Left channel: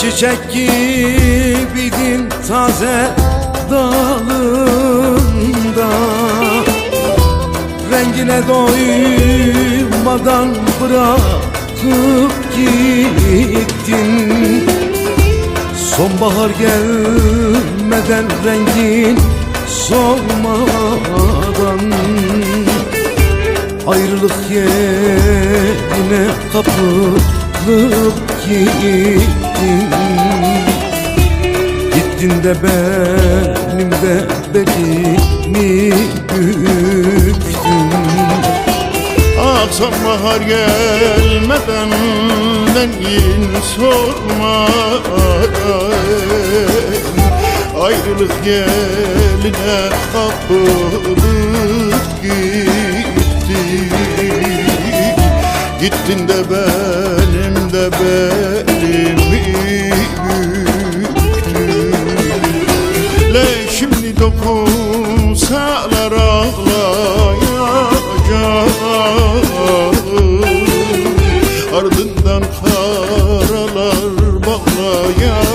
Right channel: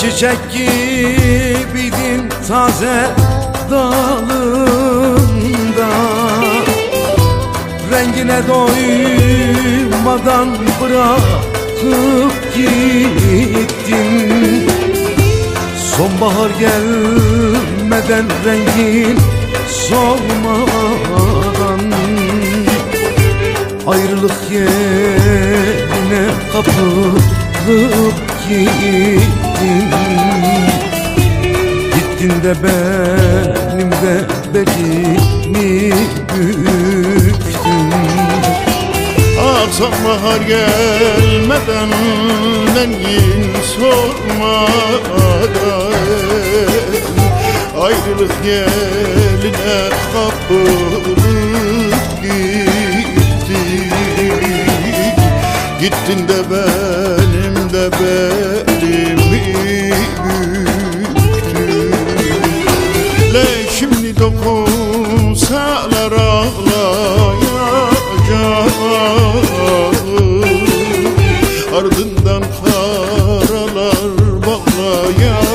Çiçek gibiydin taze dalında, rengine doymadan bırakıp gittin. Sonbahar gelmeden, rengin solmadan, ayrılık yerine kapılıp gittin. Gittin de benim de belimi büktün. Ah sonbahar gelmeden, rengin solmadan, ayrılık yeline kapılıp gittin. Gittin de benim de belimi büktün. Le şimdi dokunsalar ağlayacağım, ardından karalar bağlayacağım.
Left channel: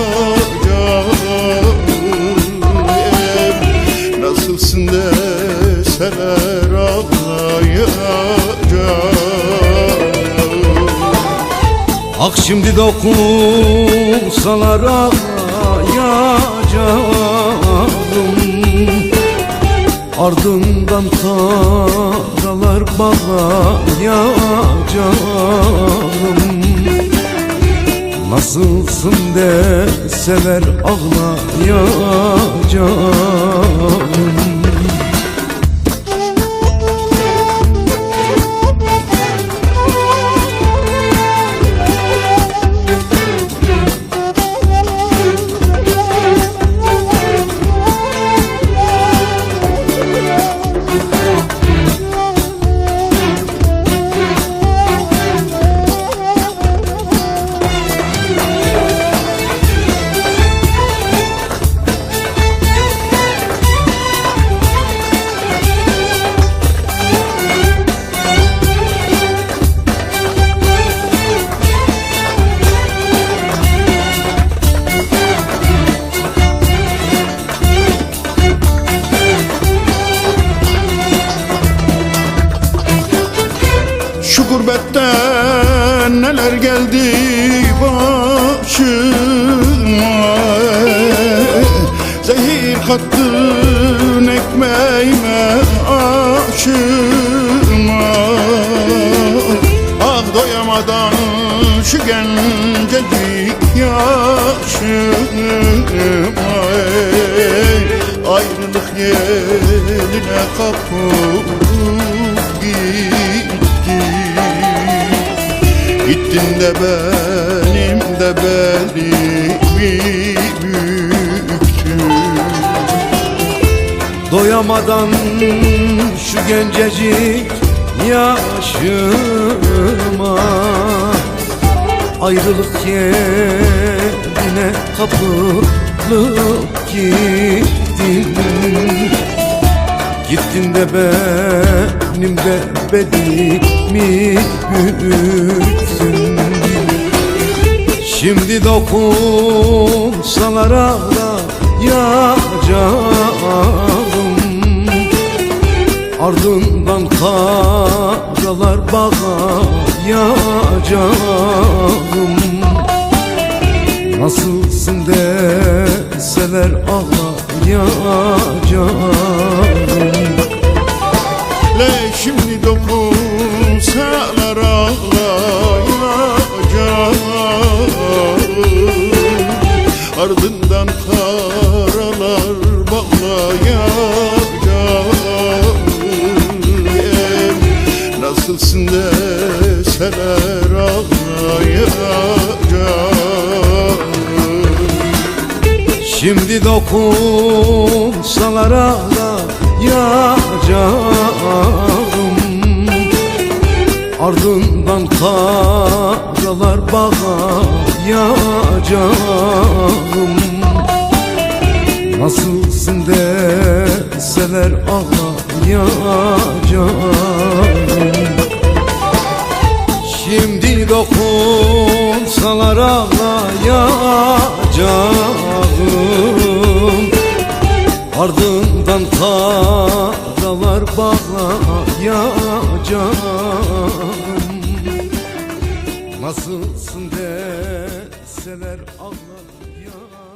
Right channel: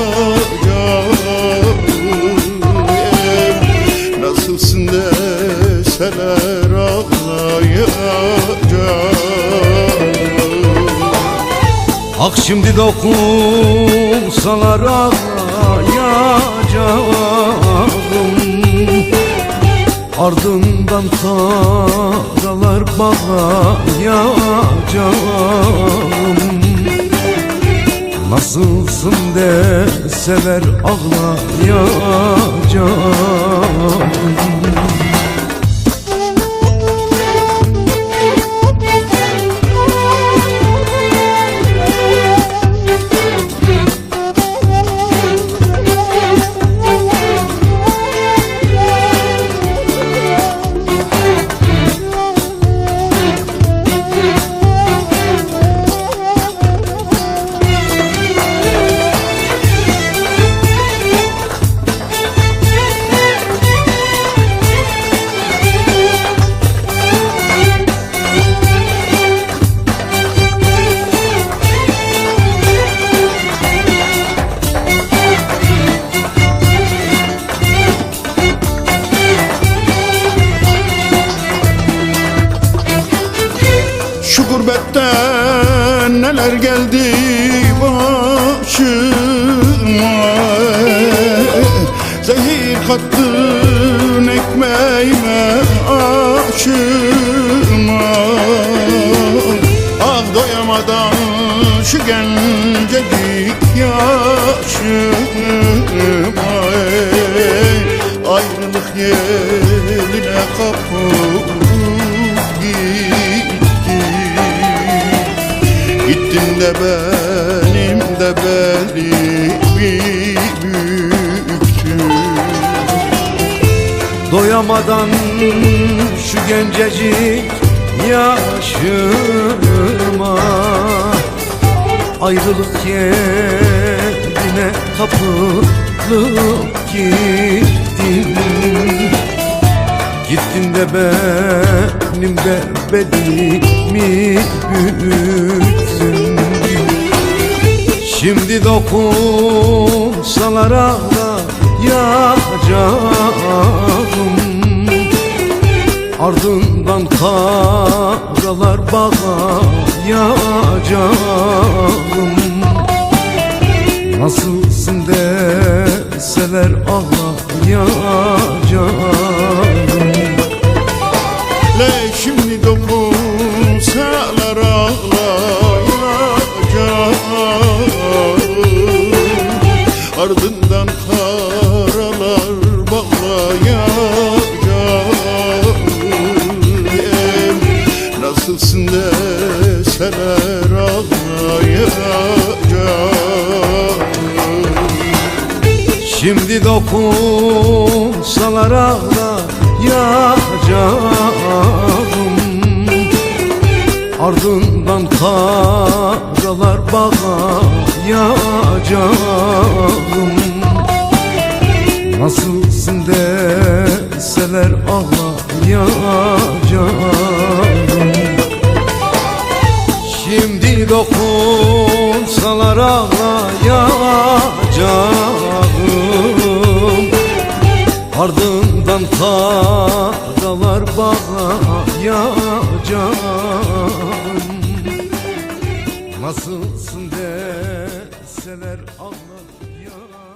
Nasılsın deseler ağlayacağım. Ah şimdi dokunsalar ağlayacağım, ardından karalar bağlayacağım. Nasılsın deseler ağlayacağım. Şu gurbetten neler geldi başıma, zehir kattın ekmeğime aşıma. Ah doyamadan şu gencecik yaşıma, ayrılık yeline kapılıp gittin. Gittin de benim de belimi büktün. Doyamadan şu gencecik yaşıma, ayrılık yerine kapılıp gittin. Gittin de benim de belimi büktün. Şimdi dokunsalar ağlayacağım, ardından karalar bağlayacağım. Nasılsın deseler ağlayacağım. Le şimdi dokunsalar ağlayacağım, ardından karalar bağlayacağım. Nasılsın deseler ağlayacağım. Şimdi dokunsalar ağlayacağım, ardından karalar bağlayacağım. Nasılsın deseler ağlayacağım. Şimdi dokun sorsalar ağlayacağım, ardından karalar bağlayacağım. Nasılsın deseler ağlayacağım.